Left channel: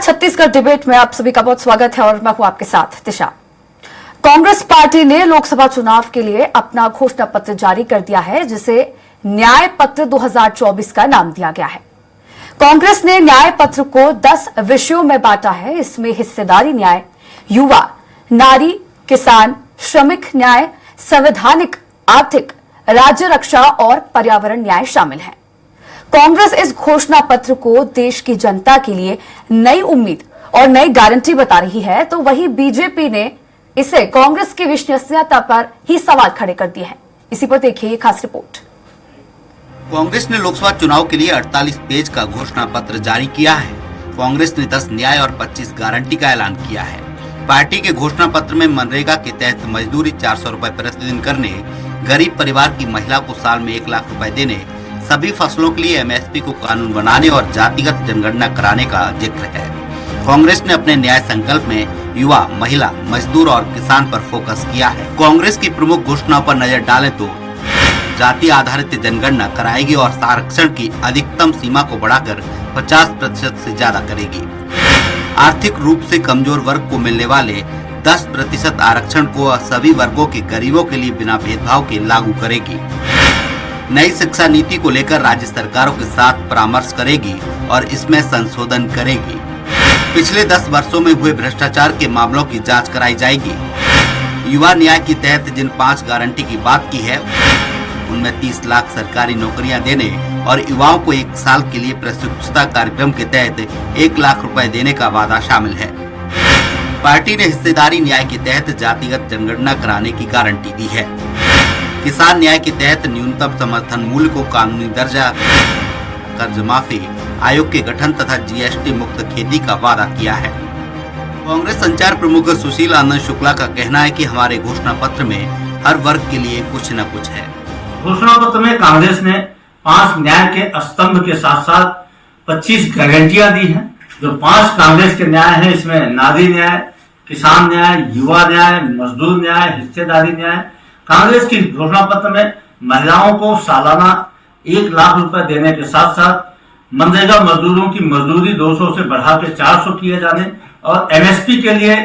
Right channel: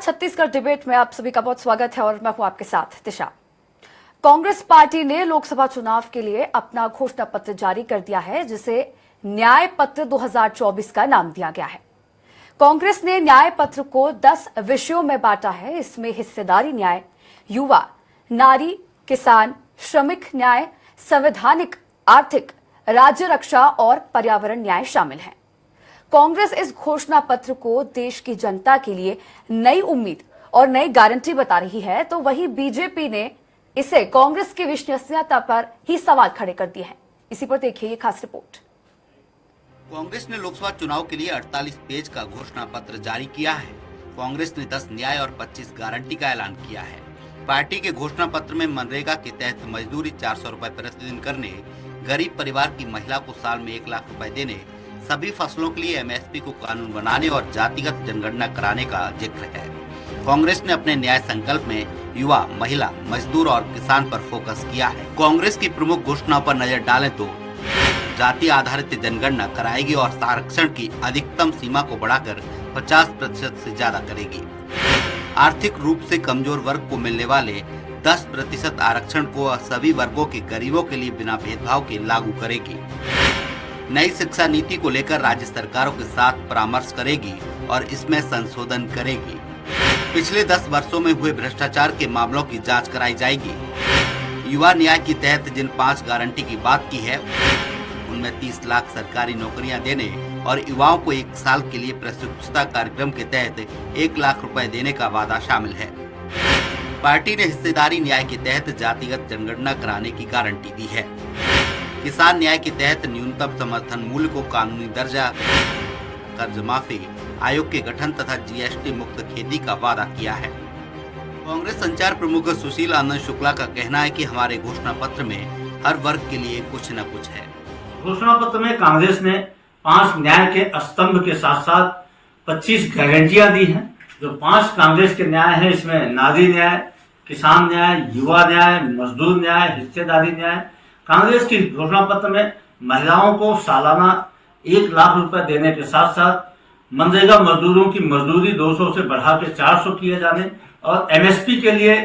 Chhattisgarh debate में आप सभी का बहुत स्वागत है और मैं हूं आपके साथ दिशा। कांग्रेस पार्टी ने लोकसभा चुनाव के लिए अपना घोषणा पत्र जारी कर दिया है, जिसे न्याय पत्र 2024 का नाम दिया गया है। कांग्रेस ने न्याय पत्र को 10 विषयों में बांटा है। इसमें हिस्सेदारी न्याय, युवा, नारी, किसान, श्रमिक न्याय, संवैधानिक, आर्थिक, राज्य रक्षा और पर्यावरण न्याय शामिल है। कांग्रेस इस घोषणा पत्र को देश की जनता के लिए नई उम्मीद और नई गारंटी बता रही है, तो वहीं बीजेपी ने इसे कांग्रेस की विश्वसनीयता पर ही सवाल खड़े कर दिए हैं। इसी पर देखिए ये खास रिपोर्ट। कांग्रेस ने लोकसभा चुनाव के लिए 48 पेज का घोषणा पत्र जारी किया है। कांग्रेस ने 10 न्याय और 25 गारंटी का ऐलान किया है। पार्टी के घोषणा पत्र में मनरेगा के तहत मजदूरी 400 रुपए प्रतिदिन करने, गरीब परिवार की महिला को साल में 1 लाख रुपए देने, सभी फसलों के लिए एमएसपी को कानून बनाने और जातिगत जनगणना कराने का जिक्र है। कांग्रेस ने अपने न्याय संकल्प में युवा, महिला, मजदूर और किसान पर फोकस किया है। कांग्रेस की प्रमुख घोषणाओं पर नजर डालें तो जाति आधारित जनगणना कराएगी और आरक्षण की अधिकतम सीमा को बढ़ाकर 50% से ज्यादा करेगी। आर्थिक रूप से कमजोर वर्ग को मिलने वाले 10% आरक्षण को सभी वर्गों के गरीबों के लिए बिना भेदभाव के लागू करेगी। नई शिक्षा नीति को लेकर राज्य सरकारों के साथ परामर्श करेगी और इसमें संशोधन करेगी। पिछले 10 वर्षों में हुए भ्रष्टाचार के मामलों की जांच कराई जाएगी। युवा न्याय के तहत जिन 5 गारंटी की बात की है, उनमें 30 लाख सरकारी नौकरियां देने और युवाओं को 1 साल के लिए प्रशिक्षुता कार्यक्रम के तहत 1 लाख रुपए देने का वादा शामिल है। पार्टी ने हिस्सेदारी न्याय के तहत जातिगत जनगणना कराने की गारंटी दी है। किसान न्याय के तहत न्यूनतम समर्थन मूल्य को कानूनी दर्जा, कर्ज माफी, आयोग के गठन तथा जीएसटी मुक्त खेती का वादा किया है। कांग्रेस संचार प्रमुख सुशील आनंद शुक्ला का कहना है कि हमारे घोषणा पत्र में हर वर्ग के लिए कुछ न कुछ है। घोषणा पत्र में कांग्रेस ने 5 न्याय के स्तंभ के साथ साथ 25 गारंटियां दी हैं। जो 5 कांग्रेस के न्याय हैं, इसमें नारी न्याय, किसान न्याय, युवा न्याय, मजदूर न्याय, हिस्सेदारी न्याय। कांग्रेस की घोषणा पत्र में महिलाओं को सालाना 1 लाख रुपए देने के साथ साथ मनरेगा मजदूरों की मजदूरी 200 से बढ़ाकर 400 किए जाने और एमएसपी के लिए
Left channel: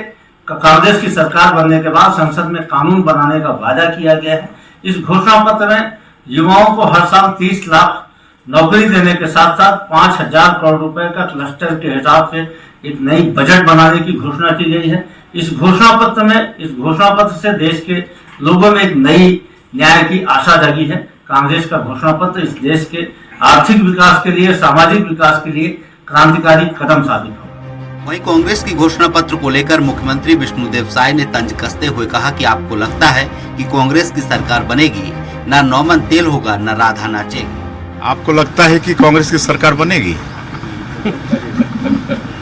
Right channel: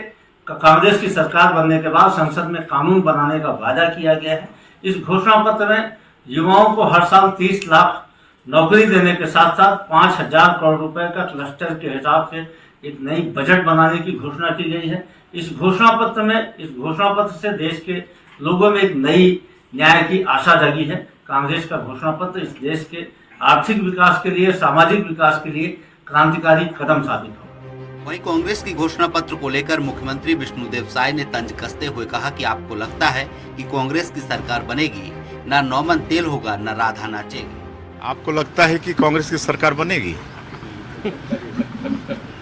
कांग्रेस की सरकार बनने के बाद संसद में कानून बनाने का वादा किया गया है। इस घोषणा पत्र में युवाओं को हर साल 30 लाख नौकरी देने के साथ साथ 5,000 करोड़ रुपए का क्लस्टर के हिसाब से एक नई बजट बनाने की घोषणा की गई है। इस घोषणा पत्र से देश के लोगों में एक नई न्याय की आशा जगी है। कांग्रेस का घोषणा पत्र इस देश के आर्थिक विकास के लिए, सामाजिक विकास के लिए क्रांतिकारी कदम साबित होगा। वहीं कांग्रेस की घोषणा पत्र को लेकर मुख्यमंत्री विष्णुदेव साय ने तंज कसते हुए कहा कि आपको लगता है कि कांग्रेस की सरकार बनेगी, न नौमन तेल होगा न राधा नाचेगी। आपको लगता है कि कांग्रेस की सरकार बनेगी?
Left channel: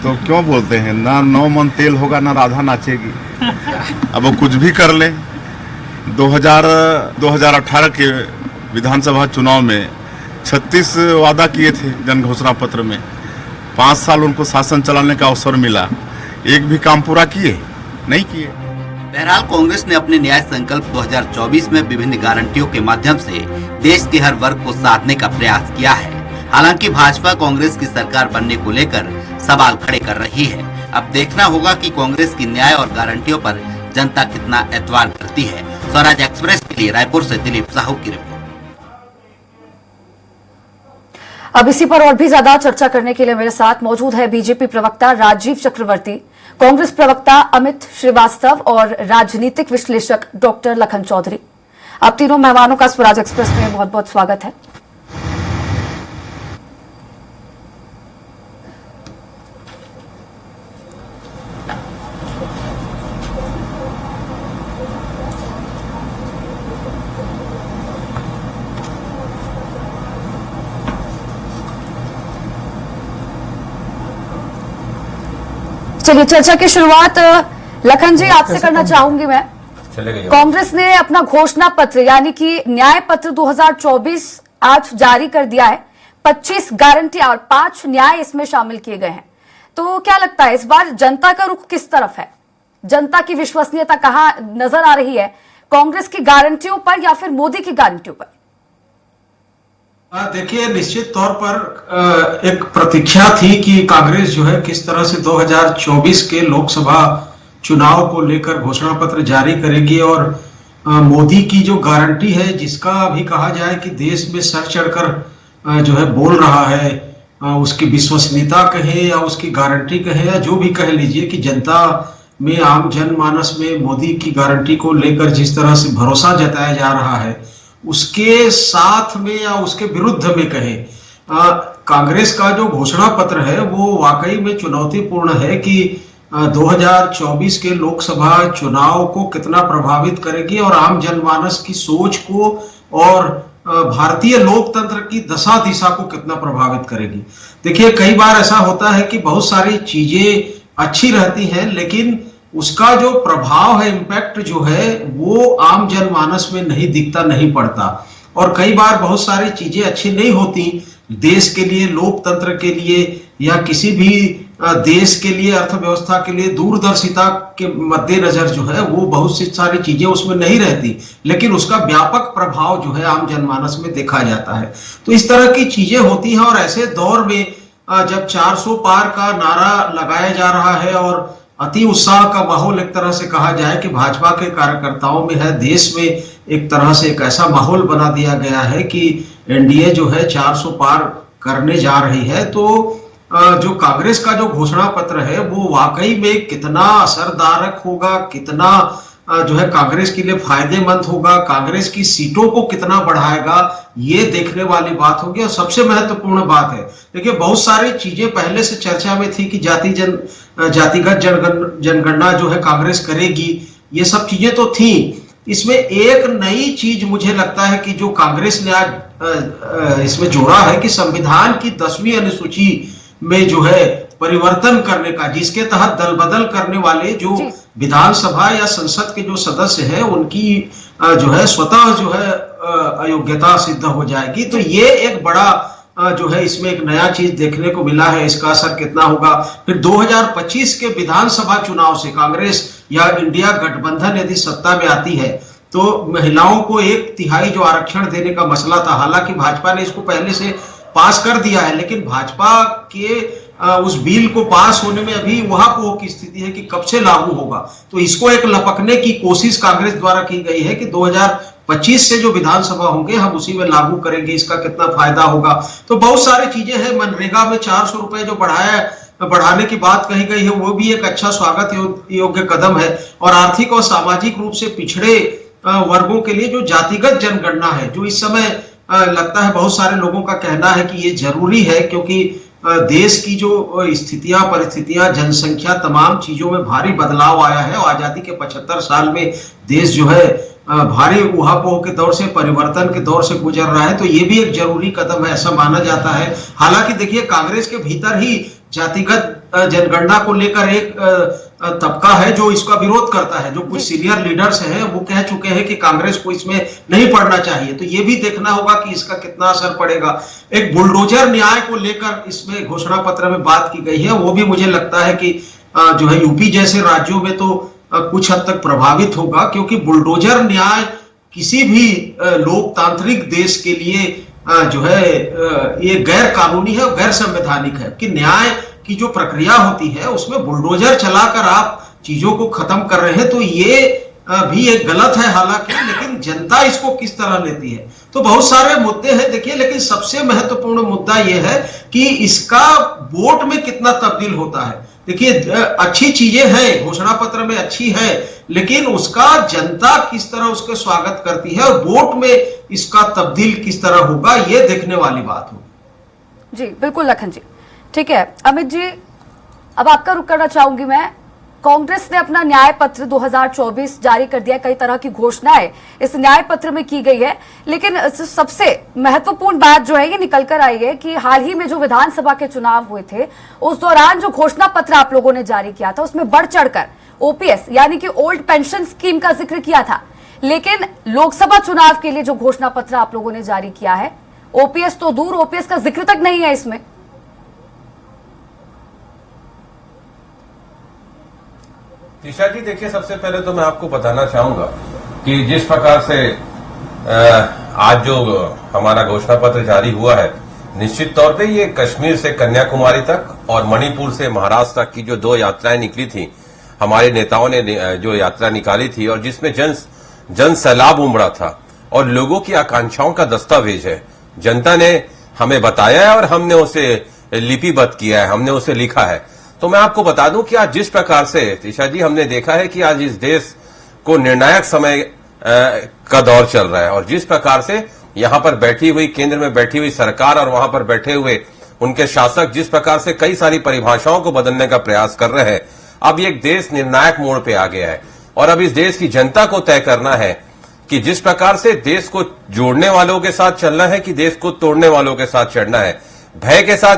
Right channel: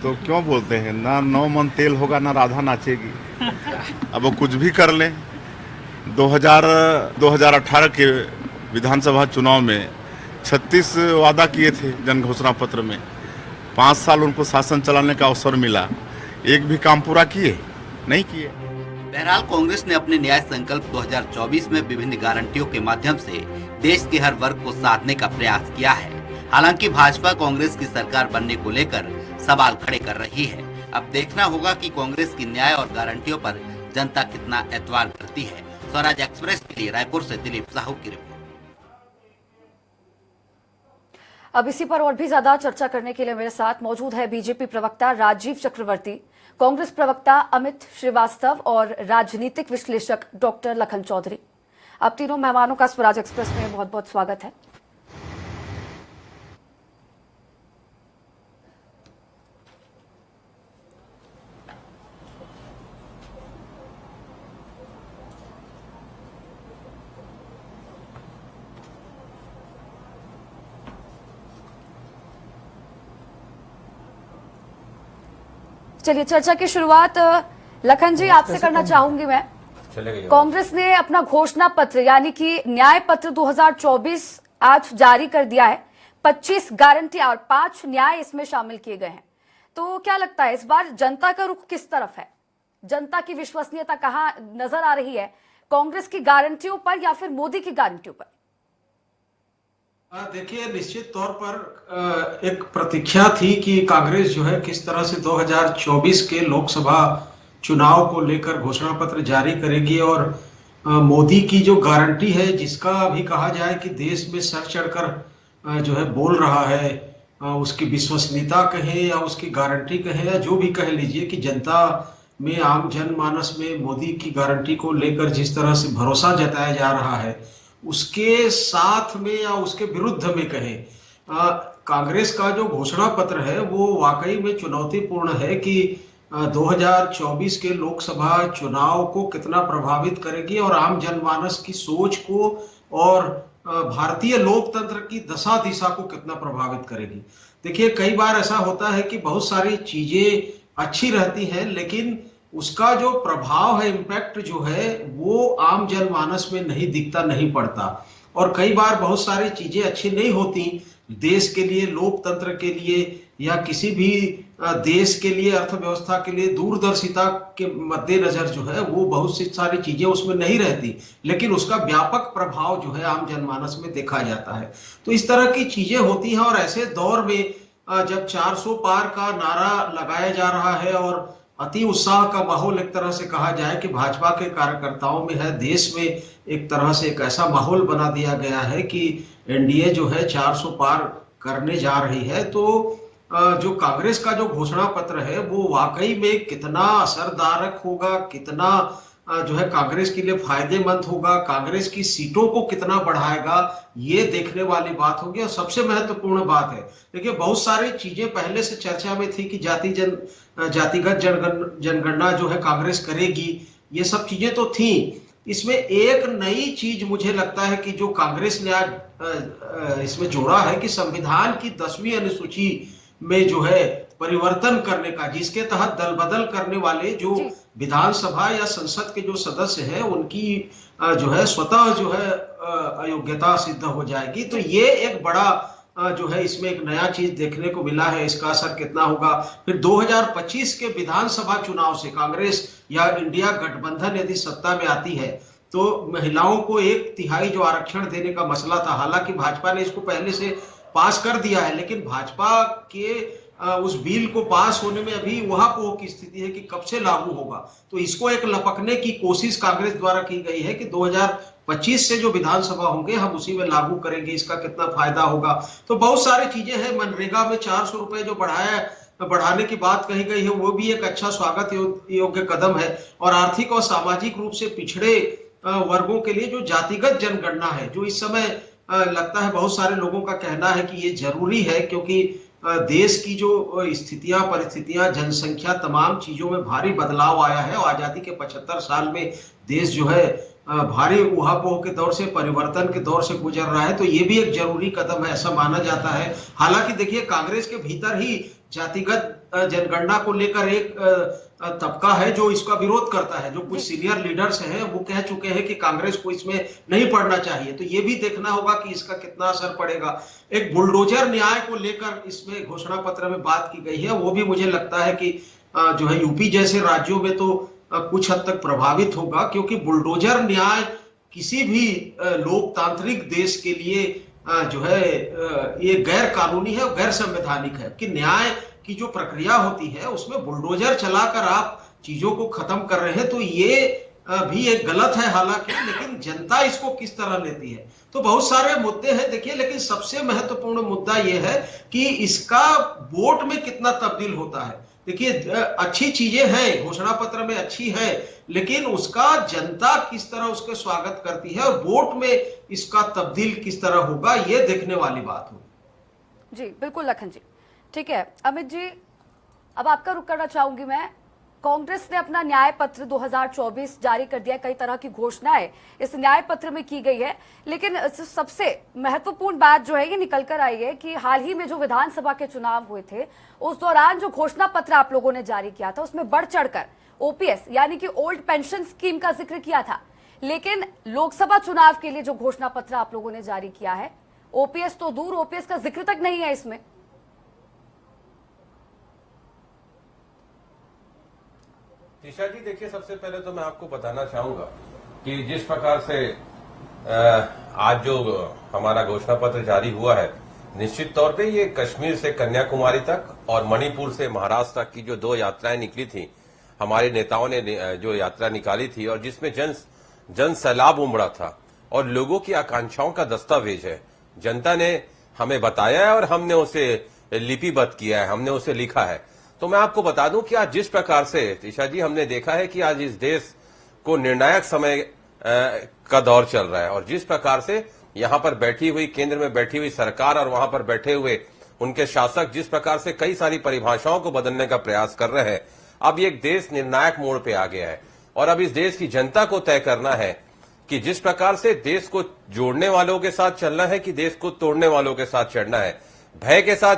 तो क्यों बोलते हैं ना नौमन तेल होगा ना राधा नाचेगी? अब वो कुछ भी कर ले। 2018 के विधानसभा चुनाव में 36 वादा किए थे जन घोषणा पत्र में। 5 साल उनको शासन चलाने का अवसर मिला, एक भी काम पूरा किए नहीं किए। बहरहाल कांग्रेस ने अपने न्याय संकल्प 2024 में विभिन्न गारंटियों के माध्यम से देश के हर वर्ग को साधने का प्रयास किया है। हालांकि भाजपा कांग्रेस की सरकार बनने को लेकर सवाल खड़े कर रही है। अब देखना होगा कि कांग्रेस की न्याय और गारंटियों पर जनता कितना एतवार करती है। स्वराज एक्सप्रेस के लिए रायपुर से दिलीप साहू की रिपोर्ट। अब इसी पर और भी ज्यादा चर्चा करने के लिए मेरे साथ मौजूद है बीजेपी प्रवक्ता राजीव चक्रवर्ती, कांग्रेस प्रवक्ता अमित श्रीवास्तव और राजनीतिक विश्लेषक डॉक्टर लखन चौधरी। आप तीनों मेहमानों का स्वराज एक्सप्रेस में बहुत बहुत स्वागत है। चलिए चर्चा की शुरुआत लखन जी आपसे करना चाहूंगी मैं। कांग्रेस ने अपना घोषणा पत्र यानी कि न्याय पत्र 2024 आज जारी कर दिया है। 25 गारंटियां और 5 न्याय इसमें शामिल किए गए हैं। तो क्या लगता है इस बार जनता का रुख किस तरफ है? जनता की विश्वसनीयता कहां नजर आ रही है, कांग्रेस की गारंटियों पर या फिर मोदी की गारंटियों पर? देखिए, निश्चित तौर पर एक प्रतीक्षा थी कि कांग्रेस जो है किस तरह से 2024 के लोकसभा चुनाव को लेकर घोषणा पत्र जारी करेगी और मोदी की जो गारंटी है, जिसका अभी कहा जाए कि देश में सर चढ़कर जो है बोल रहा है, उसकी विश्वसनीयता कहे या उसकी गारंटी कहे या जो भी कह लीजिए, कि जनता में, आम जनमानस में मोदी की गारंटी को लेकर जिस तरह से भरोसा जताया जा रहा है, उसके साथ में या उसके विरुद्ध में कहे, कांग्रेस का जो घोषणा पत्र है वो वाकई में चुनौतीपूर्ण है कि 2024 के लोकसभा चुनाव को कितना प्रभावित करेगी और आम जनमानस की सोच को और भारतीय लोकतंत्र की दशा दिशा को कितना प्रभावित करेगी। देखिए, कई बार ऐसा होता है कि बहुत सारी चीजें अच्छी रहती हैं, लेकिन उसका जो प्रभाव है, इम्पैक्ट जो है, वो आम जनमानस में नहीं दिखता, नहीं पड़ता। और कई बार बहुत सारी चीजें अच्छी नहीं होती देश के लिए, लोकतंत्र के लिए या किसी भी देश के लिए, अर्थव्यवस्था के लिए। दूरदर्शिता के मद्देनजर जो है वो बहुत सी सारी चीजें उसमें नहीं रहती, लेकिन उसका व्यापक प्रभाव जो है आम जनमानस में देखा जाता है। तो इस तरह की चीजें होती हैं और ऐसे दौर में जब 400 पार का नारा लगाया जा रहा है और अति उत्साह का माहौल, एक तरह से कहा जाए कि भाजपा के कार्यकर्ताओं में है, देश में एक तरह से एक ऐसा माहौल बना दिया गया है कि एनडीए जो है 400 पार करने जा रही है, तो जो कांग्रेस का जो घोषणा पत्र है वो वाकई में कितना असरदारक होगा, कितना जो है कांग्रेस के लिए फायदेमंद होगा, कांग्रेस की सीटों को कितना बढ़ाएगा, ये देखने वाली बात होगी। और सबसे महत्वपूर्ण बात है, देखिए, बहुत सारी चीजें पहले से चर्चा में थी कि जातिगत जनगणना जो है कांग्रेस करेगी, ये सब चीजें तो थी। इसमें एक नई चीज मुझे लगता है कि जो कांग्रेस ने आज इसमें जोड़ा है कि संविधान की 10वीं अनुसूची में जो है परिवर्तन करने का, जिसके तहत दल बदल करने वाले जो विधानसभा या संसद के जो सदस्य हैं उनकी जो है स्वतः जो है अयोग्यता सिद्ध हो जाएगी। तो ये एक बड़ा जो है इसमें एक नया चीज देखने को मिला है। इसका असर कितना होगा फिर 2025 के विधानसभा चुनाव से कांग्रेस या इंडिया गठबंधन यदि सत्ता में आती है तो महिलाओं को 1/3 जो आरक्षण देने का मसला था, हालांकि भाजपा ने इसको पहले से पास कर दिया है, लेकिन भाजपा के उस बिल को पास होने में अभी वहां की स्थिति है कि कब से लागू होगा। तो इसको एक लपकने की कोशिश कांग्रेस द्वारा की गई है कि 2025 से जो विधानसभा होंगे हम उसी में लागू करेंगे, इसका कितना फायदा होगा। तो बहुत सारी चीजें हैं। मनरेगा में 400 रुपए जो बढ़ाने की बात कही गई है वो भी एक अच्छा स्वागत योग्य कदम है। और आर्थिक और सामाजिक रूप से पिछड़े वर्गों के लिए जो जातिगत जनगणना है, जो इस समय लगता है बहुत सारे लोगों का कहना है कि ये जरूरी है, क्योंकि देश की जो स्थितियां, परिस्थितियां, जनसंख्या, तमाम चीजों में भारी बदलाव आया है और आजादी के 75 साल में देश जो है भारी उहापोह के दौर से, परिवर्तन के दौर से गुजर रहा है। तो ये भी एक जरूरी कदम है, ऐसा माना जाता है। हालांकि देखिए, कांग्रेस के भीतर ही जातिगत जनगणना को लेकर एक तबका है जो इसका विरोध करता है। जो कुछ सीनियर लीडर्स हैं वो कह चुके हैं कि कांग्रेस को इसमें नहीं पड़ना चाहिए। तो ये भी देखना होगा कि इसका कितना असर पड़ेगा। एक बुलडोजर न्याय को लेकर इसमें घोषणा पत्र में बात की गई है, वो भी मुझे लगता है कि जो है यूपी जैसे राज्यों में तो कुछ हद तक प्रभावित होगा, क्योंकि बुलडोजर न्याय किसी भी लोकतांत्रिक देश के लिए जो है ये गैर कानूनी है, गैर संवैधानिक है। कि न्याय की जो प्रक्रिया होती है उसमें बुलडोजर चलाकर आप चीजों को खत्म कर रहे हैं, तो ये भी एक गलत है हालांकि, लेकिन जनता इसको किस तरह लेती है। तो बहुत सारे मुद्दे हैं देखिए, लेकिन सबसे महत्वपूर्ण मुद्दा यह है कि इसका वोट में कितना तब्दील होता है। देखिए, अच्छी चीजें हैं, घोषणा पत्र में अच्छी है, लेकिन उसका जनता किस तरह उसका स्वागत करती है और वोट में इसका तब्दील किस तरह होगा, ये देखने वाली बात होगी। जी बिल्कुल लखन जी, ठीक है। अमित जी, अब आपका रुख करना चाहूंगी मैं। कांग्रेस ने अपना न्याय पत्र 2024 जारी कर दिया, कई तरह की घोषणाएं इस न्याय पत्र में की गई है, लेकिन सबसे महत्वपूर्ण बात जो है ये निकल कर आई है कि हाल ही में जो विधानसभा के चुनाव हुए थे उस दौरान जो घोषणा पत्र आप लोगों ने जारी किया था उसमें बढ़ चढ़कर ओपीएस यानी कि ओल्ड पेंशन स्कीम का जिक्र किया था, लेकिन लोकसभा चुनाव के लिए जो घोषणा पत्र आप लोगों ने जारी किया है, ओपीएस तो दूर, ओपीएस का जिक्र तक नहीं है इसमें। तीशा जी, देखिए, सबसे पहले तो मैं आपको बताना चाहूंगा कि जिस प्रकार से आज जो हमारा घोषणा पत्र जारी हुआ है, निश्चित तौर पे ये कश्मीर से कन्याकुमारी तक और मणिपुर से महाराष्ट्र तक की जो 2 यात्राएं निकली थी, हमारे नेताओं ने जो यात्रा निकाली थी और जिसमें जन सैलाब उमड़ा था और लोगों की आकांक्षाओं का दस्तावेज है। जनता ने हमें बताया है और हमने उसे लिपिबद्ध किया है, हमने उसे लिखा है। तो मैं आपको बता दूं कि आज जिस प्रकार से तीशा जी हमने देखा है कि आज इस देश को निर्णायक समय का दौर चल रहा है और जिस प्रकार से यहां पर बैठी हुई केंद्र में बैठी हुई सरकार और वहां पर बैठे हुए उनके शासक जिस प्रकार से कई सारी परिभाषाओं को बदलने का प्रयास कर रहे हैं, अब ये देश निर्णायक मोड़ पे आ गया है और अब इस देश की जनता को तय करना है कि जिस प्रकार से देश को जोड़ने वालों के साथ चलना है कि देश को तोड़ने वालों के साथ चलना है, भय के साथ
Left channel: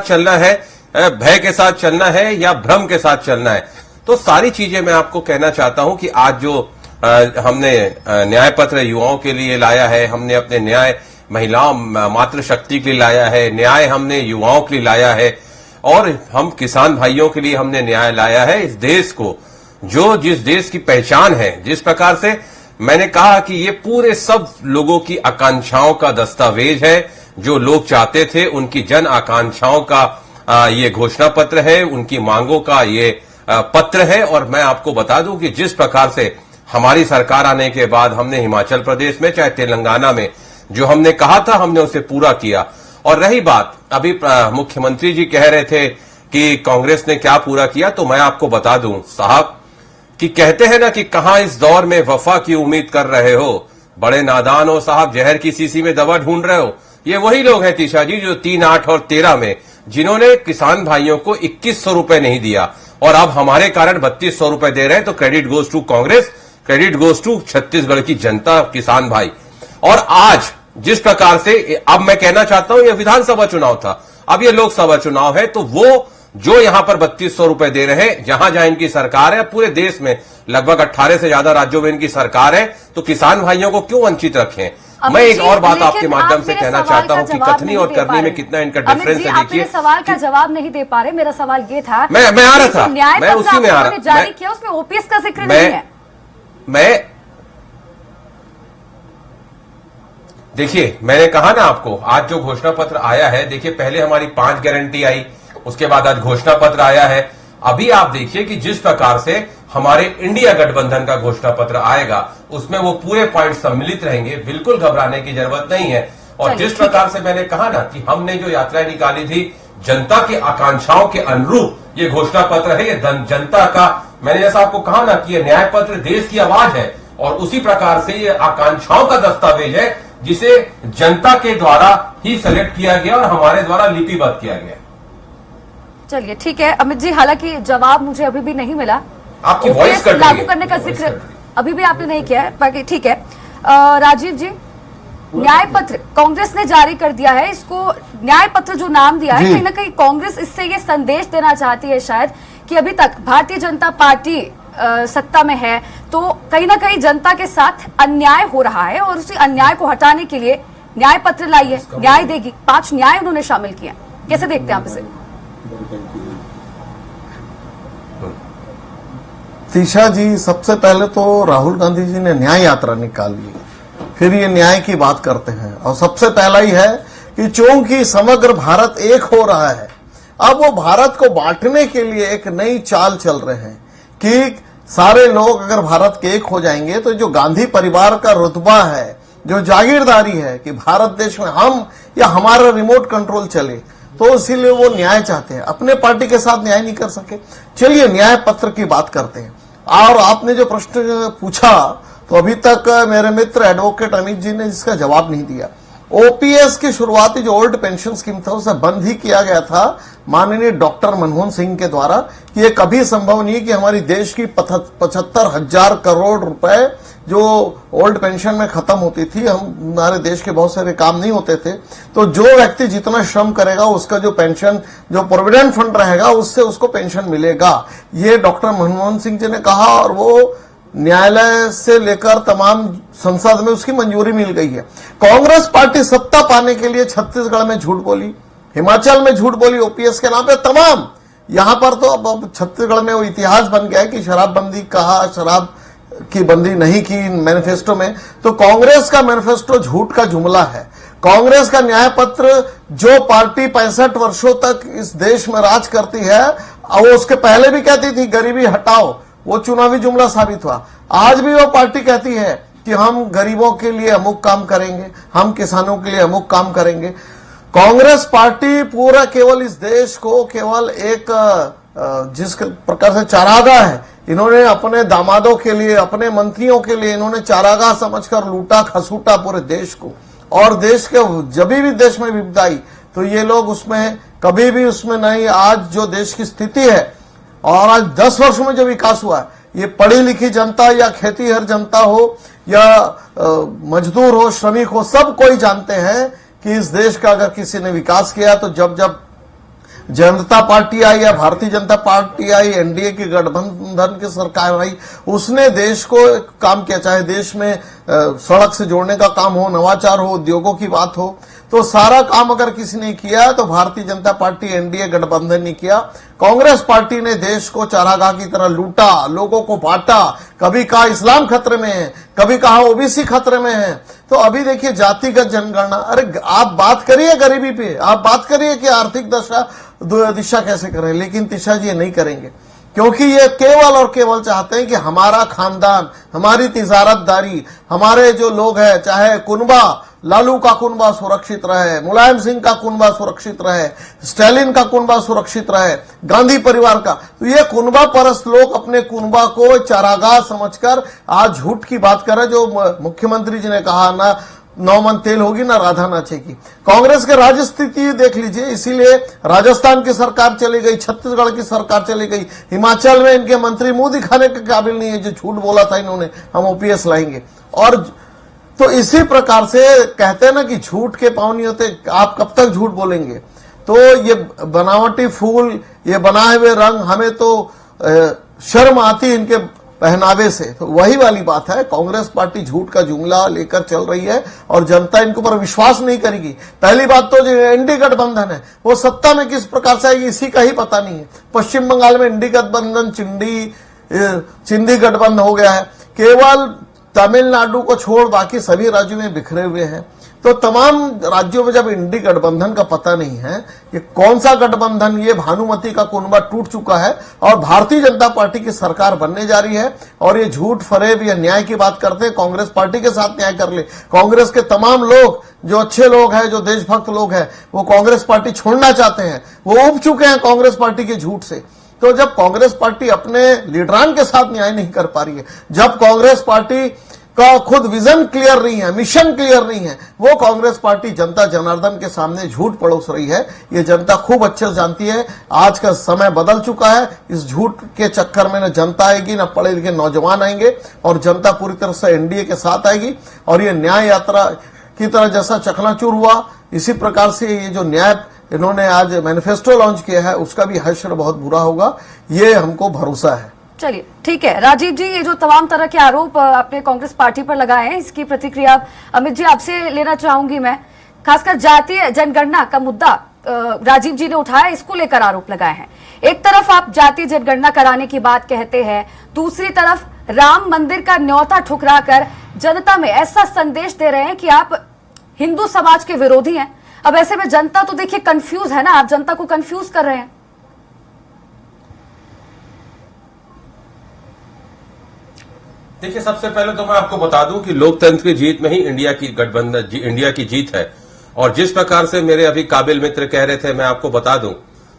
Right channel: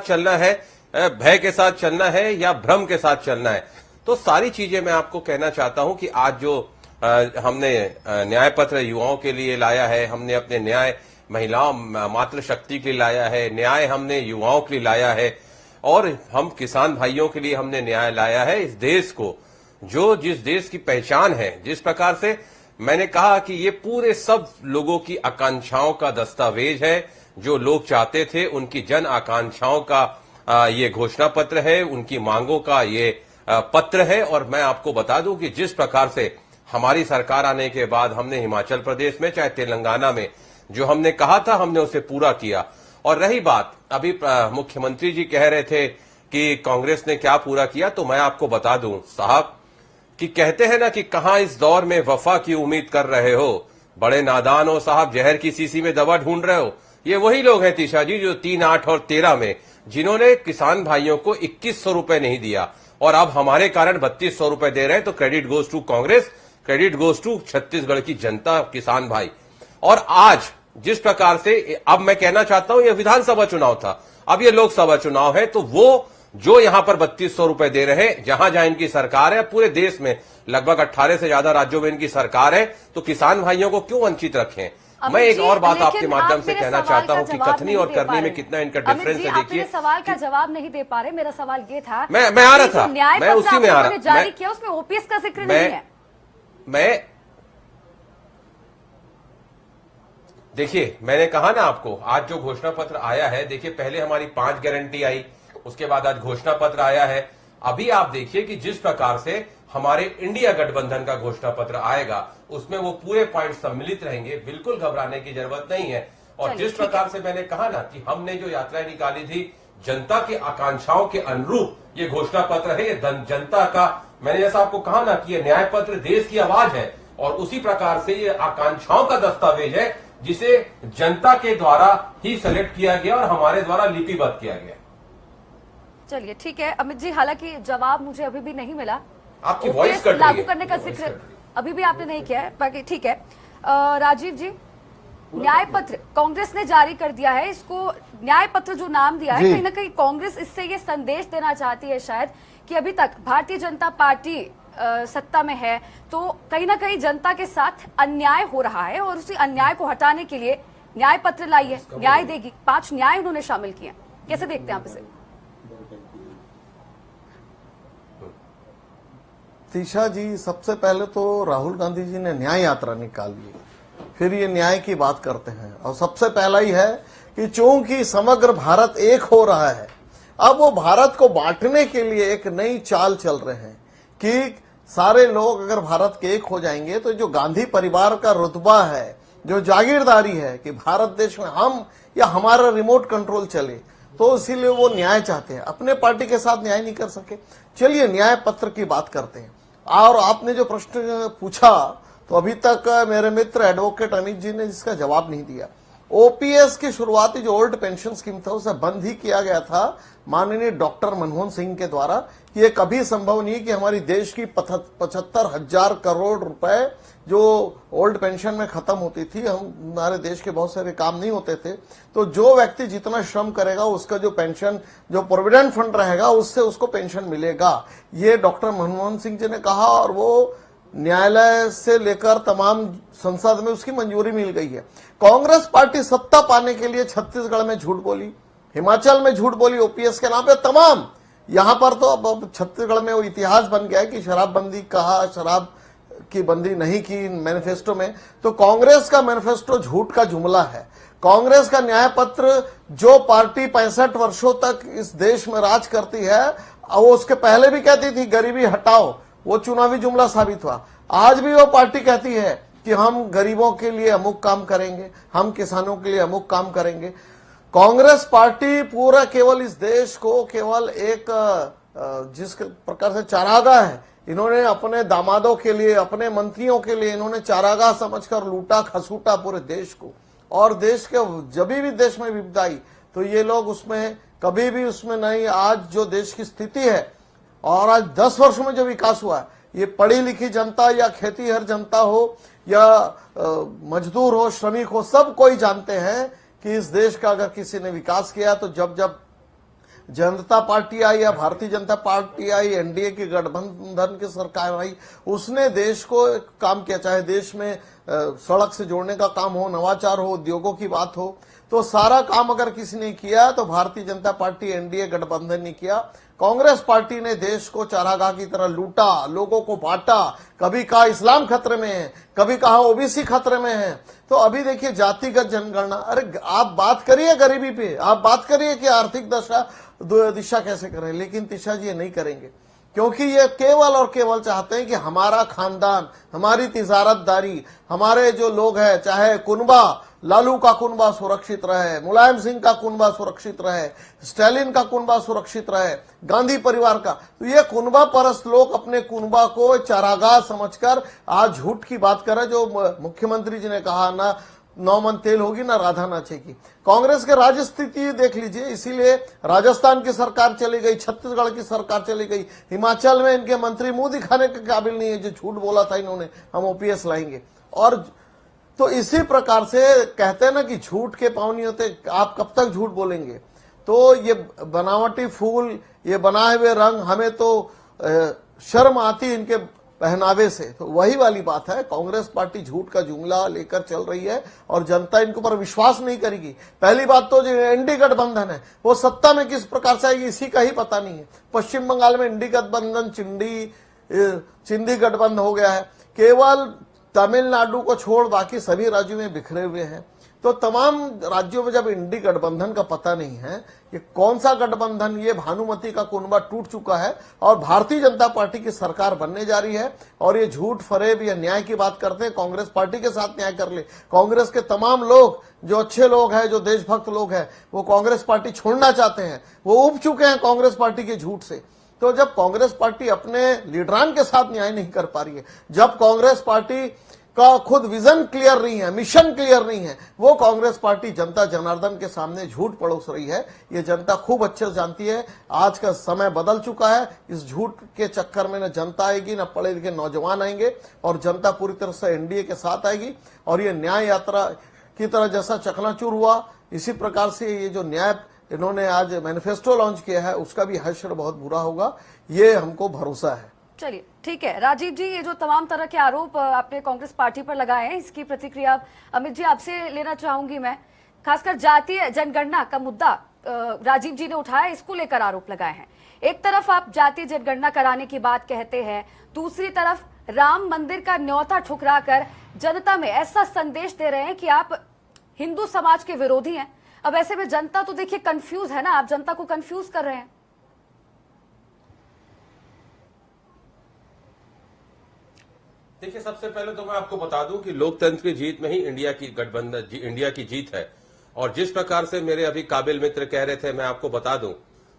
चलना है या भ्रम के साथ चलना है। तो सारी चीजें मैं आपको कहना चाहता हूं कि आज जो हमने न्याय पत्र युवाओं के लिए लाया है, हमने अपने न्याय महिलाओं मातृशक्ति के लिए लाया है, न्याय हमने युवाओं के लिए लाया है और हम किसान भाइयों के लिए हमने न्याय लाया है। इस देश को जिस देश की पहचान है, जिस प्रकार से मैंने कहा कि ये पूरे सब लोगों की आकांक्षाओं का दस्तावेज है, जो लोग चाहते थे उनकी जन आकांक्षाओं का ये घोषणा पत्र है, उनकी मांगों का ये पत्र है। और मैं आपको बता दूं कि जिस प्रकार से हमारी सरकार आने के बाद हमने हिमाचल प्रदेश में चाहे तेलंगाना में जो हमने कहा था हमने उसे पूरा किया। और रही बात अभी मुख्यमंत्री जी कह रहे थे कि कांग्रेस ने क्या पूरा किया, तो मैं आपको बता दूं साहब कि कहते हैं ना कि कहां इस दौर में वफा की उम्मीद कर रहे हो, बड़े नादान हो साहब, जहर की शीशी में दवा ढूंढ रहे हो। ये वही लोग हैं तीशा जी जो 3, 8 और 13 में जिन्होंने किसान भाइयों को 2100 रुपए नहीं दिया और अब हमारे कारण 3200 रुपए दे रहे हैं। तो credit goes to Congress, credit goes to Chhattisgarh की जनता, किसान भाई। और आज जिस प्रकार से अब मैं कहना चाहता हूं, यह विधानसभा चुनाव था, अब यह लोकसभा चुनाव है, तो वो जो यहां पर 3200 रुपए दे रहे हैं, जहां जहां इनकी सरकार है, पूरे देश में लगभग 18 से ज्यादा राज्यों में इनकी सरकार है, तो किसान भाइयों को क्यों वंचित रखें। मैं एक और बात आपके माध्यम से कहना चाहता हूं कि कथनी और करनी में कितना इनका डिफरेंस है। देखिए, सवाल का जवाब नहीं दे पा रहे। मेरा सवाल ये था, मैं आ रहा था, मैं उसी में आ रहा, जारी किया उसमें ओपीएस का जिक्र नहीं है। देखिए, मैंने कहा ना आपको, आज जो घोषणा पत्र आया है, देखिए पहले हमारी 5 गारंटी आई, उसके बाद आज घोषणा पत्र आया है। अभी आप देखिए कि जिस प्रकार से हमारे इंडिया गठबंधन का घोषणा पत्र आएगा, उसमें वो पूरे पॉइंट सम्मिलित रहेंगे, बिल्कुल घबराने की जरूरत नहीं है। और जिस प्रकार से मैंने कहा ना कि हमने जो यात्राएं निकाली थी जनता की आकांक्षाओं के अनुरूप ये घोषणा पत्र है, ये जनता का, मैंने जैसा आपको कहा ना कि ये न्याय पत्र देश की आवाज है और उसी प्रकार से ये आकांक्षाओं का दस्तावेज है जिसे जनता के द्वारा ही सेलेक्ट किया गया और हमारे द्वारा लिपिबद्ध किया गया। चलिए ठीक है अमित जी, हालांकि जवाब मुझे अभी भी नहीं मिला। आपकी वॉइस कट रही है, लागू करने का जिक्र अभी भी आपने नहीं किया है, बाकी ठीक है। राजीव जी, न्याय पत्र कांग्रेस ने जारी कर दिया है, इसको न्याय पत्र जो नाम दिया है, कहीं ना कहीं कांग्रेस इससे ये संदेश देना चाहती है शायद कि अभी तक भारतीय जनता पार्टी सत्ता में है तो कहीं ना कहीं जनता के साथ अन्याय हो रहा है और उसी अन्याय को हटाने के लिए न्याय पत्र लाई है, न्याय देगी। 5 न्याय उन्होंने शामिल किए। कैसे देखते हैं आप इसे? तीशा जी, सबसे पहले तो राहुल गांधी जी ने न्याय यात्रा निकाली, फिर ये न्याय की बात करते हैं। और सबसे पहला ही है कि चूंकि समग्र भारत एक हो रहा है, अब वो भारत को बांटने के लिए एक नई चाल चल रहे हैं कि सारे लोग अगर भारत के एक हो जाएंगे तो जो गांधी परिवार का रुतबा है, जो जागीरदारी है कि भारत देश में हम या हमारा रिमोट कंट्रोल चले, तो इसीलिए वो न्याय चाहते हैं। अपने पार्टी के साथ न्याय नहीं कर सके, चलिए न्याय पत्र की बात करते हैं। और आपने जो प्रश्न पूछा तो अभी तक मेरे मित्र एडवोकेट अमित जी ने इसका जवाब नहीं दिया। ओपीएस की शुरुआती जो ओल्ड पेंशन स्कीम था उसे बंद ही किया गया था माननीय डॉक्टर मनमोहन सिंह के द्वारा कि ये कभी संभव नहीं कि हमारी देश की 75,000 करोड़ रुपए जो ओल्ड पेंशन में खत्म होती थी, हमारे देश के बहुत सारे काम नहीं होते थे, तो जो व्यक्ति जितना श्रम करेगा उसका जो पेंशन, जो प्रोविडेंट फंड रहेगा उससे उसको पेंशन मिलेगा। ये डॉक्टर मनमोहन सिंह जी ने कहा और वो न्यायालय से लेकर तमाम संसद में उसकी मंजूरी मिल गई है। कांग्रेस पार्टी सत्ता पाने के लिए छत्तीसगढ़ में झूठ बोली, हिमाचल में झूठ बोली ओपीएस के नाम पे, तमाम यहां पर तो अब छत्तीसगढ़ में वो इतिहास बन गया है कि शराबबंदी कहा, शराब की बंदी नहीं की मैनिफेस्टो में, तो कांग्रेस का मैनिफेस्टो झूठ का जुमला है। कांग्रेस का न्याय पत्र, जो पार्टी 65 वर्षों तक इस देश में राज करती है, वो उसके पहले भी कहती थी गरीबी हटाओ, वो चुनावी जुमला साबित हुआ। आज भी वो पार्टी कहती है कि हम गरीबों के लिए अमुक काम करेंगे, हम किसानों के लिए अमुक काम करेंगे। कांग्रेस पार्टी पूरा केवल इस देश को केवल एक जिस प्रकार से चारागाह है, इन्होंने अपने दामादों के लिए, अपने मंत्रियों के लिए इन्होंने चारागाह समझकर लूटा खसूटा पूरे देश को। और देश के जब भी देश में विपदा आई तो ये लोग उसमें कभी भी उसमें नहीं। आज जो देश की स्थिति है और आज 10 वर्षों में जो विकास हुआ है, ये पढ़ी लिखी जनता या खेतीहर जनता हो या मजदूर हो, श्रमिक हो, सब कोई जानते हैं कि इस देश का अगर किसी ने विकास किया तो जब जब जनता पार्टी आई या भारतीय जनता पार्टी आई, एनडीए की गठबंधन की सरकार आई, उसने देश को काम किया। चाहे देश में सड़क से जोड़ने का काम हो, नवाचार हो, उद्योगों की बात हो, तो सारा काम अगर किसी ने किया तो भारतीय जनता पार्टी एनडीए गठबंधन ने किया। कांग्रेस पार्टी ने देश को चारागाह की तरह लूटा, लोगों को बांटा, कभी कहा इस्लाम खतरे में है, कभी कहा ओबीसी खतरे में है। तो अभी देखिए जातिगत जनगणना, अरे आप बात करिए गरीबी पे, आप बात करिए कि आर्थिक दिशा कैसे करें, लेकिन तिशा जी ये नहीं करेंगे, क्योंकि ये केवल और केवल चाहते हैं कि हमारा खानदान, हमारी तिजारतदारी, हमारे जो लोग हैं, चाहे कुनबा, लालू का कुनबा सुरक्षित रहे, मुलायम सिंह का कुनबा सुरक्षित रहे, स्टालिन का कुनबा सुरक्षित रहे, गांधी परिवार का। तो ये कुनबा परस्त लोग अपने कुनबा को चारागाह समझकर आज झूठ की बात कर रहे। जो मुख्यमंत्री जी ने कहा ना 9 मन तेल होगी ना राधा नाचेगी। कांग्रेस के राज्य स्थिति देख लीजिए, इसीलिए राजस्थान की सरकार चली गई, छत्तीसगढ़ की सरकार चली गई, हिमाचल में इनके मंत्री मुंह दिखाने के काबिल नहीं है। जो झूठ बोला था इन्होंने, हम ओपीएस लाएंगे। और तो इसी प्रकार से कहते हैं ना कि झूठ के पांव नहीं होते, आप कब तक झूठ बोलेंगे। तो ये बनावटी फूल, ये बनाए हुए रंग, हमें तो शर्म आती है इनके पहनावे से। तो वही वाली बात है, कांग्रेस पार्टी झूठ का जुमला लेकर चल रही है और जनता इनके ऊपर विश्वास नहीं करेगी। पहली बात तो जो एनडीए गठबंधन है वो सत्ता में किस प्रकार से आएगी इसी का ही पता नहीं है। पश्चिम बंगाल में एनडीए गठबंधन चिंदी गठबंधन हो गया है, केवल तमिलनाडु को छोड़ बाकी सभी राज्यों में बिखरे हुए हैं। तो तमाम राज्यों में जब इंडी गठबंधन का पता नहीं है कि कौन सा गठबंधन, ये भानुमति का कुनबा टूट चुका है और भारतीय जनता पार्टी की सरकार बनने जा रही है। और ये झूठ फरेब या न्याय की बात करते हैं, कांग्रेस पार्टी के साथ न्याय कर ले। कांग्रेस के तमाम लोग जो अच्छे लोग हैं, जो देशभक्त लोग हैं, वो कांग्रेस पार्टी छोड़ना चाहते हैं, वो उब चुके हैं कांग्रेस पार्टी के झूठ से। तो जब कांग्रेस पार्टी अपने लीडरान के साथ न्याय नहीं कर पा रही है, जब कांग्रेस पार्टी का खुद विजन क्लियर नहीं है, मिशन क्लियर नहीं है, वो कांग्रेस पार्टी जनता जनार्दन के सामने झूठ परोस रही है। ये जनता खूब अच्छे से जानती है। आज का समय बदल चुका है, इस झूठ के चक्कर में न जनता आएगी, न पढ़े लिखे नौजवान आएंगे, और जनता पूरी तरह से एनडीए के साथ आएगी। और ये न्याय यात्रा की तरह जैसा चकनाचूर हुआ, इसी प्रकार से ये जो न्याय इन्होंने आज मैनिफेस्टो लॉन्च किया है उसका भी हश्र बहुत बुरा होगा, ये हमको भरोसा है। चलिए ठीक है राजीव जी, ये जो तमाम तरह के आरोप आपने कांग्रेस पार्टी पर लगाए हैं, इसकी प्रतिक्रिया अमित जी आपसे लेना चाहूंगी मैं। खासकर जातीय जनगणना का मुद्दा राजीव जी ने उठाया, इसको लेकर आरोप लगाए हैं। एक तरफ आप जातीय जनगणना कराने की बात कहते हैं, दूसरी तरफ राम मंदिर का न्योता ठुकराकर जनता में ऐसा संदेश दे रहे हैं कि आप हिंदू समाज के विरोधी हैं। अब ऐसे में जनता तो देखिए कंफ्यूज है ना, आप जनता को कंफ्यूज कर रहे हैं। देखिए, सबसे पहले तो मैं आपको बता दूं कि लोकतंत्र की जीत में ही इंडिया की जीत है। और जिस प्रकार से मेरे अभी काबिल मित्र कह रहे थे, मैं आपको बता दूं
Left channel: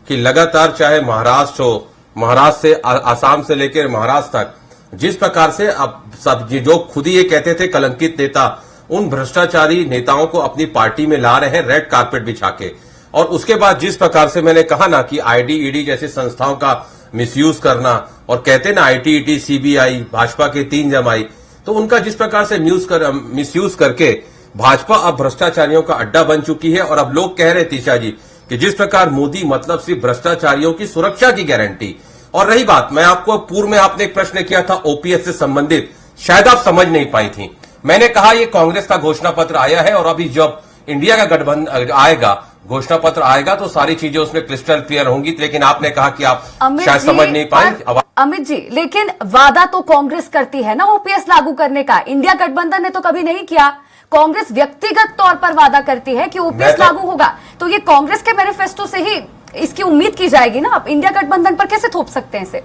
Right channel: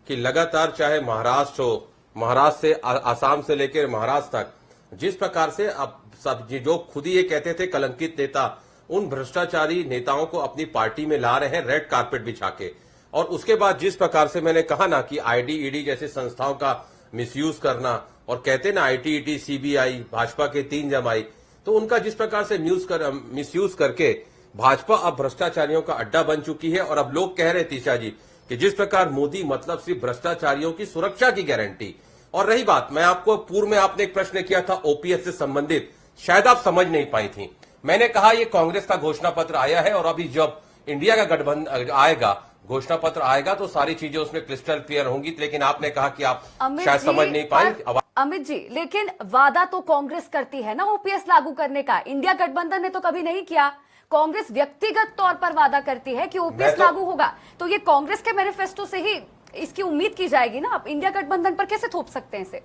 कि लगातार चाहे महाराष्ट्र हो, महाराष्ट्र से आसाम से लेकर महाराष्ट्र तक, जिस प्रकार से अब सब जो खुद ही ये कहते थे कलंकित नेता, उन भ्रष्टाचारी नेताओं को अपनी पार्टी में ला रहे हैं रेड कारपेट बिछा के। और उसके बाद जिस प्रकार से मैंने कहा ना कि आईडी ईडी जैसी संस्थाओं का मिसयूज करना, और कहते ना आईटी सीबीआई भाजपा के 3 जमाई, तो उनका जिस प्रकार से मिसयूज करके भाजपा अब भ्रष्टाचारियों का अड्डा बन चुकी है। और अब लोग कह रहे तीशा जी कि जिस प्रकार मोदी मतलब सिर्फ भ्रष्टाचारियों की सुरक्षा की गारंटी। और रही बात, मैं आपको पूर्व में आपने एक प्रश्न किया था ओपीएस से संबंधित, शायद आप समझ नहीं पाई थी। मैंने कहा ये कांग्रेस का घोषणा पत्र आया है और अभी जब इंडिया का गठबंधन आएगा, घोषणा पत्र आएगा, तो सारी चीजें उसमें क्रिस्टल क्लियर होंगी। लेकिन आपने कहा कि आप शायद समझ नहीं पाए। अमित जी, लेकिन वादा तो कांग्रेस करती है ना ओपीएस लागू करने का। इंडिया गठबंधन ने तो कभी नहीं किया। कांग्रेस व्यक्तिगत तौर पर वादा करती है कि ओपीएस लागू होगा, तो ये कांग्रेस के मैनिफेस्टो से ही इसकी उम्मीद की जाएगी ना। आप इंडिया गठबंधन पर कैसे थोप सकते हैं इसे?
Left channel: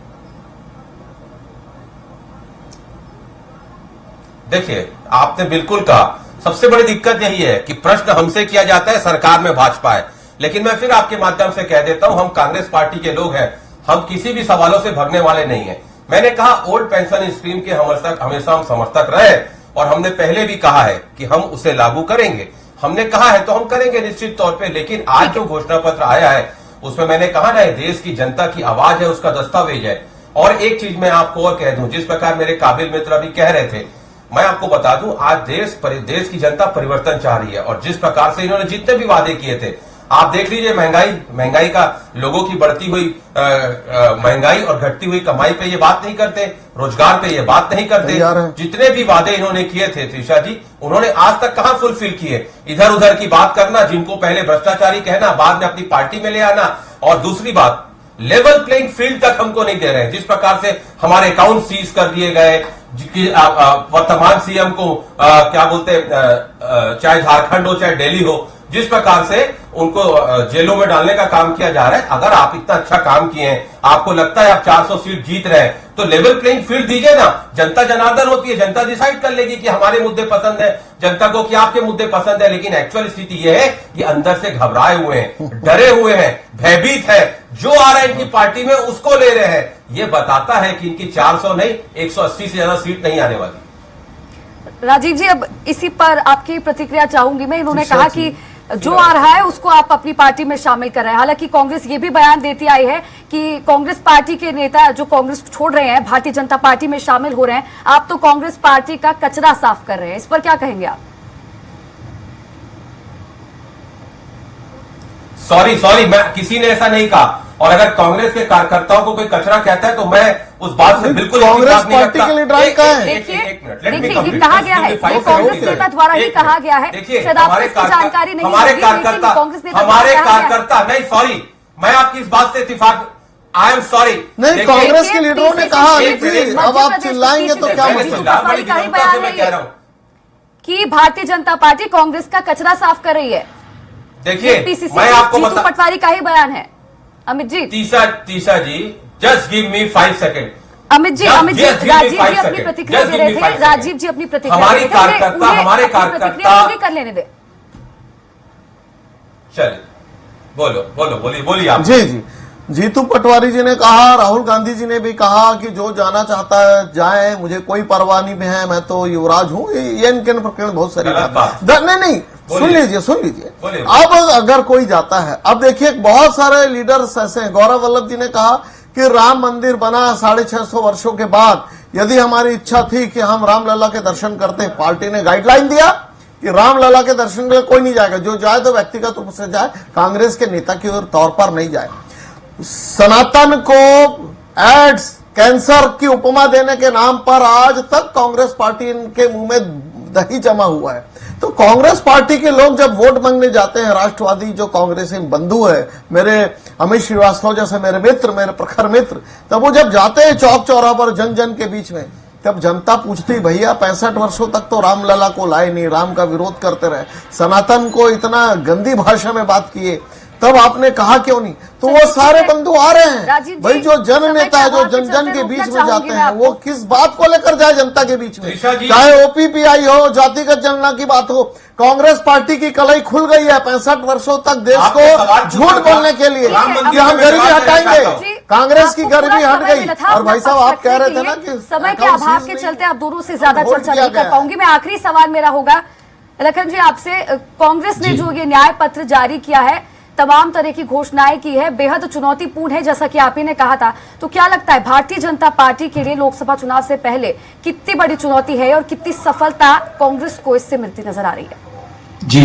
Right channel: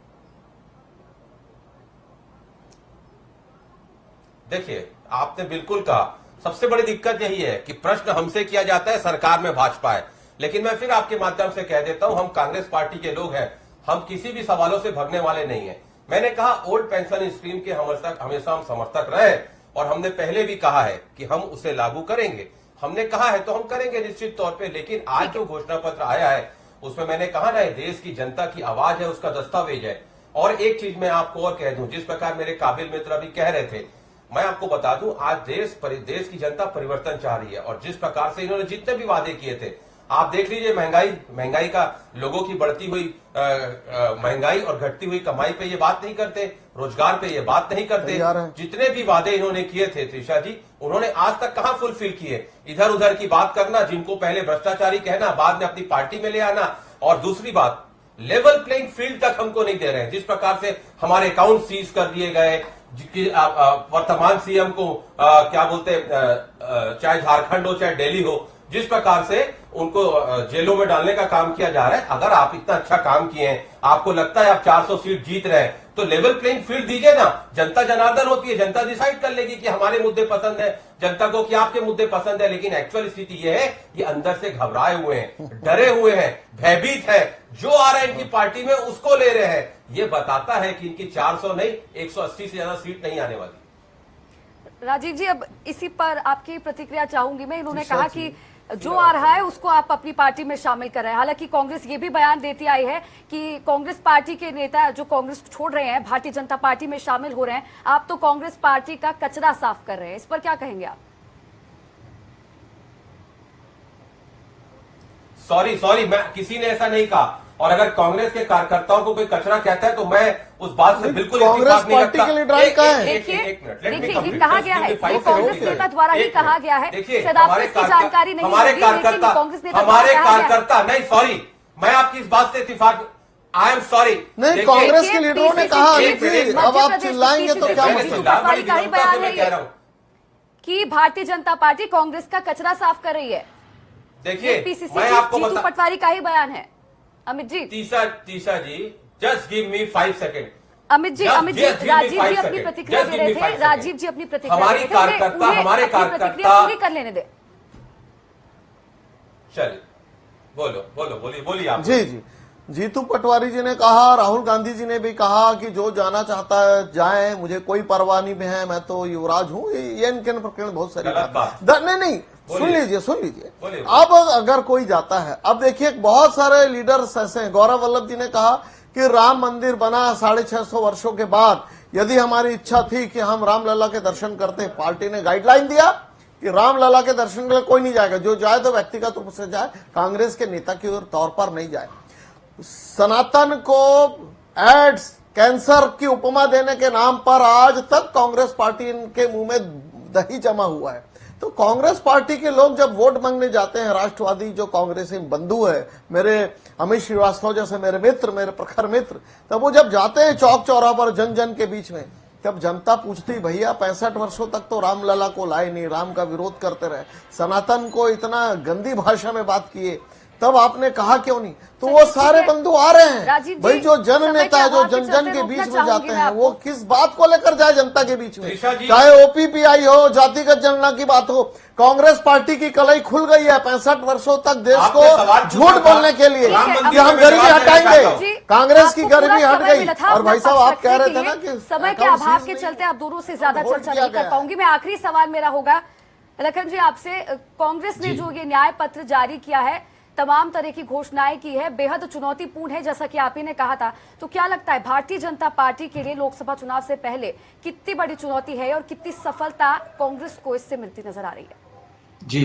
देखिए, आपने बिल्कुल कहा, सबसे बड़ी दिक्कत यही है कि प्रश्न हमसे किया जाता है, सरकार में भाजपा है। लेकिन मैं फिर आपके माध्यम से कह देता हूं, हम कांग्रेस पार्टी के लोग हैं, हम किसी भी सवालों से भागने वाले नहीं हैं। मैंने कहा ओल्ड पेंशन स्कीम के हमेशा हम समर्थक रहे और हमने पहले भी कहा है कि हम उसे लागू करेंगे। हमने कहा है तो हम करेंगे निश्चित तौर पे। लेकिन आज जो घोषणा पत्र आया है उसमें मैंने कहा ना, देश की जनता की आवाज है, उसका दस्तावेज है। और एक चीज मैं आपको और कह दूं, जिस प्रकार मेरे काबिल मित्र अभी कह रहे थे, मैं आपको बता दूं, आज देश की जनता परिवर्तन चाह रही है। और जिस प्रकार से इन्होंने जितने भी वादे किए थे, आप देख लीजिए, महंगाई का, लोगों की बढ़ती हुई महंगाई और घटती हुई कमाई पे ये बात नहीं करते, रोजगार पे ये बात नहीं करते। जितने भी वादे इन्होंने किए थे त्रिशा जी, उन्होंने आज तक कहां फुलफिल किए? इधर उधर की बात करना, जिनको पहले भ्रष्टाचारी कहना, बाद में अपनी पार्टी में ले आना। और दूसरी बात, लेवल प्लेइंग फील्ड तक हमको नहीं दे रहे हैं। जिस प्रकार से हमारे अकाउंट सीज कर दिए गए, वर्तमान सीएम को क्या बोलते, चाहे झारखंड हो चाहे दिल्ली हो, जिस प्रकार से उनको जेलों में डालने का काम किया जा रहा है। अगर आप इतना अच्छा काम किए हैं, आपको लगता है आप 400 सीट जीत रहे हैं, तो लेवल प्लेइंग फील्ड दीजिए ना। जनता जनार्दन होती है, जनता डिसाइड कर लेगी कि हमारे मुद्दे पसंद है जनता को, कि आपके मुद्दे पसंद है। लेकिन एक्चुअल स्थिति यह है कि अंदर से घबराए हुए हैं, डरे हुए हैं, भयभीत है। जो आ रहा है इनकी पार्टी में उसको ले रहे हैं। ये बताता है कि इनकी 400 नहीं 180 से ज्यादा सीट नहीं आने वाली। राजीव जी, अब इसी पर आपकी प्रतिक्रिया चाहूंगी मैं। इन्होंने कहा कि जो आ रहा है उसको आप अपनी पार्टी में शामिल कर रहे हैं। हालांकि कांग्रेस ये भी बयान देती आई है कि कांग्रेस पार्टी के नेता जो कांग्रेस छोड़ रहे हैं, भारतीय जनता पार्टी में शामिल हो रहे हैं, आप तो कांग्रेस पार्टी का कचरा साफ कर रहे हैं। इस पर क्या कहेंगे आप? सॉरी, मैं किसी ने ऐसा नहीं कहा। और अगर कांग्रेस के कार्यकर्ताओं को कोई कचरा कहता है तो मैं उस बात से बिल्कुल कांग्रेस पार्टी के लीडर का है। देखिए, ये कहा गया है, ये कांग्रेस नेता द्वारा ही कहा गया है। शायद आपको इसकी जानकारी नहीं हमारे होगी, लेकिन कांग्रेस नेता हमारे कार्यकर्ता नहीं, सॉरी, मैं आपकी इस बात से इत्तेफाक, आई एम सॉरी। नहीं, कांग्रेस के लीडरों ने कहा, अब आप चिल्लाएंगे तो क्या मतलब कि भारतीय जनता पार्टी कांग्रेस का कचरा साफ कर रही है। देखिए, मैं आपको बता, पटवारी का ही बयान है। Amit ji, Tisa ji, just give me 5 second. Amit ji, Rajiv ji अपनी प्रतिक्रिया दे रहे थे। राजीव जी अपनी प्रतिक्रिया, हमारे कार्यकर्ता कर लेने दे। चलिए, बोलिए आप। जी, जीतू पटवारी जी ने कहा, राहुल गांधी जी ने भी कहा कि जो जाना चाहता है जाए, मुझे कोई परवाह नहीं है, मैं तो युवराज हूं। ये इनके प्रकरण बहुत सारी बात नहीं, सुन लीजिए। अब अगर कोई जाता है, अब देखिए बहुत सारे लीडर्स ऐसे हैं। गौरव वल्लभ जी ने कहा कि राम मंदिर बना 650 वर्षों के बाद, यदि हमारी इच्छा थी कि हम रामलला के दर्शन करते, पार्टी ने गाइडलाइन दिया कि रामलला के दर्शन के लिए कोई नहीं जाएगा, जो जाए तो व्यक्तिगत रूप से जाए, कांग्रेस के नेता की तौर पर नहीं जाए। सनातन को एड्स, कैंसर की उपमा देने के नाम पर आज तक कांग्रेस पार्टी के मुंह में दही जमा हुआ है। तो कांग्रेस पार्टी के लोग जब वोट मांगने जाते हैं, राष्ट्रवादी जो कांग्रेसी बंधु है, मेरे अमित श्रीवास्तव जैसे मेरे मित्र, मेरे प्रखर मित्र, तब वो जब जाते हैं चौक चौराहा पर जन जन के बीच में, तब जनता पूछती, भैया 65 वर्षों तक तो रामलला को लाए नहीं, राम का विरोध करते रहे, सनातन को इतना गंदी भाषा में बात किए, तब आपने कहा क्यों नहीं? तो वो सारे बंधु आ रहे हैं भाई। जो जन नेता, जो जन जन के बीच में जाते हैं, वो किस बात को लेकर जाए जनता के बीच में? चाहे ओपीपीआई हो, जातिगत जनगणना की बात हो, कांग्रेस पार्टी की कलाई खुल गई है 65 वर्षों तक देश को झूठ बोलने के लिए। हम गरीबी हटाएंगे, कांग्रेस की गरीबी हट गई। और भाई साहब, आप कह रहे थे ना कि समय के अभाव के चलते आप दोनों से ज्यादा चर्चा नहीं कर पाऊंगी। मैं आखिरी सवाल मेरा होगा लखन जी आपसे, कांग्रेस ने जो ये न्याय पत्र जारी किया है, तमाम तरह की घोषणाएं की है, बेहद चुनौतीपूर्ण है, जैसा कि आप ही ने कहा था, तो क्या लगता है भारतीय जनता पार्टी के लिए लोकसभा चुनाव से पहले कितनी बड़ी चुनौती है और कितनी सफलता कांग्रेस को इससे मिलती नजर आ रही है? जी,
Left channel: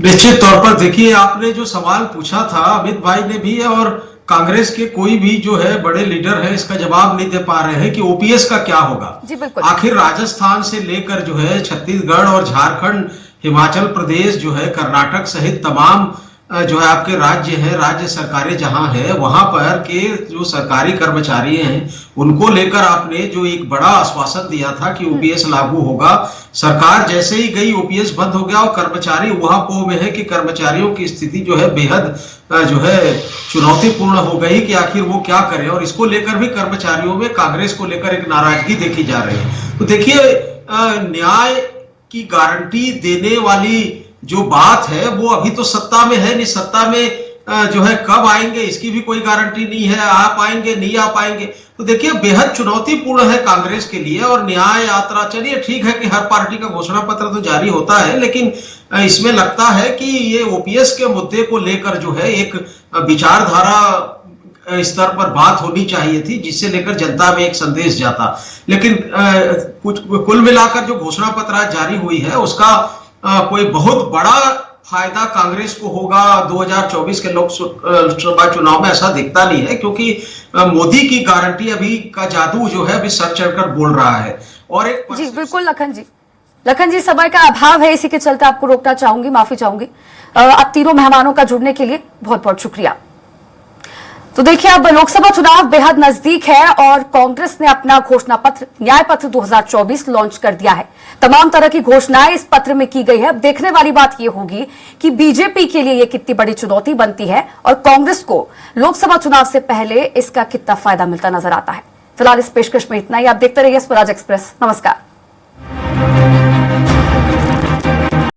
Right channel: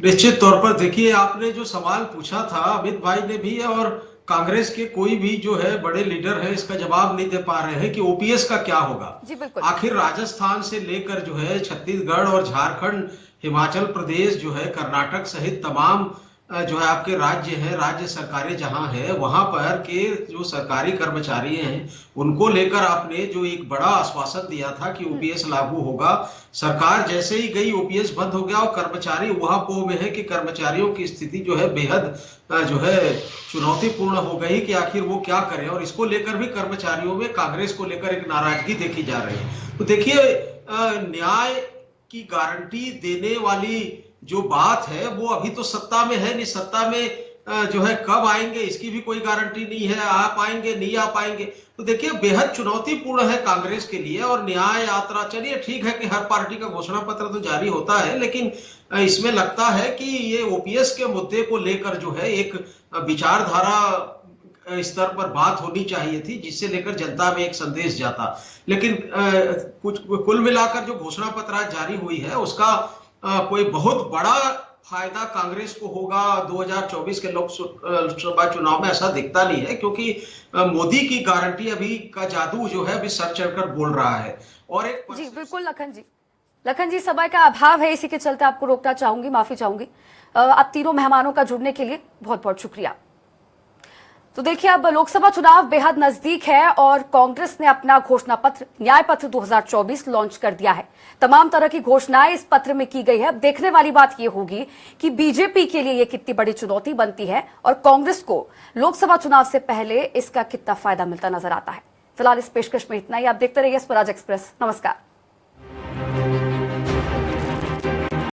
निश्चित तौर पर देखिए, आपने जो सवाल पूछा था अमित भाई ने भी, और कांग्रेस के कोई भी जो है बड़े लीडर है इसका जवाब नहीं दे पा रहे हैं कि ओपीएस का क्या होगा। जी बिल्कुल। आखिर राजस्थान से लेकर जो है छत्तीसगढ़ और झारखंड, हिमाचल प्रदेश जो है, कर्नाटक सहित तमाम जो है आपके राज्य है, राज्य सरकारें जहां है वहां पर के जो सरकारी कर्मचारी हैं उनको लेकर आपने जो एक बड़ा आश्वासन दिया था कि ओपीएस लागू होगा, सरकार जैसे ही गई ओपीएस बंद हो गया और कर्मचारी वहां पो में है कि कर्मचारियों की स्थिति जो है बेहद जो है चुनौतीपूर्ण हो गई कि आखिर वो क्या करें। और इसको लेकर भी कर्मचारियों में कांग्रेस को लेकर एक नाराजगी देखी जा रही है। तो देखिए न्याय की गारंटी देने वाली जो बात है वो अभी तो सत्ता में है नहीं, सत्ता में जो है कब आएंगे इसकी भी कोई गारंटी नहीं है, आ पाएंगे नहीं आ पाएंगे। तो देखिए बेहद चुनौतीपूर्ण है कांग्रेस के लिए। और न्याय यात्रा, चलिए ठीक है कि हर पार्टी का घोषणा पत्र तो जारी होता है, लेकिन इसमें लगता है कि ये ओपीएस के मुद्दे को लेकर जो है एक विचारधारा स्तर पर बात होनी चाहिए थी, जिससे लेकर जनता में एक संदेश जाता। लेकिन कुछ कुल मिलाकर जो घोषणा पत्र आज जारी हुई है उसका कोई बहुत बड़ा फायदा कांग्रेस को होगा 2024 के लोकसभा चुनाव में, ऐसा दिखता नहीं है, क्योंकि मोदी की गारंटी अभी का जादू जो है अभी सर चढ़कर बोल रहा है। और एक जी बिल्कुल लखन जी समय का अभाव है, इसी के चलते आपको रोकना चाहूंगी, माफी चाहूंगी। आप तीनों मेहमानों का जुड़ने के लिए बहुत बहुत शुक्रिया। तो देखिए अब लोकसभा चुनाव बेहद नजदीक है और कांग्रेस ने अपना घोषणा पत्र न्याय पत्र 2024 लॉन्च कर दिया है। तमाम तरह की घोषणाएं इस पत्र में की गई है। अब देखने वाली बात यह होगी कि बीजेपी के लिए यह कितनी बड़ी चुनौती बनती है और कांग्रेस को लोकसभा चुनाव से पहले इसका कितना फायदा मिलता नजर आता है। फिलहाल इस पेशकश में इतना ही। आप देखते रहिए स्वराज एक्सप्रेस। नमस्कार।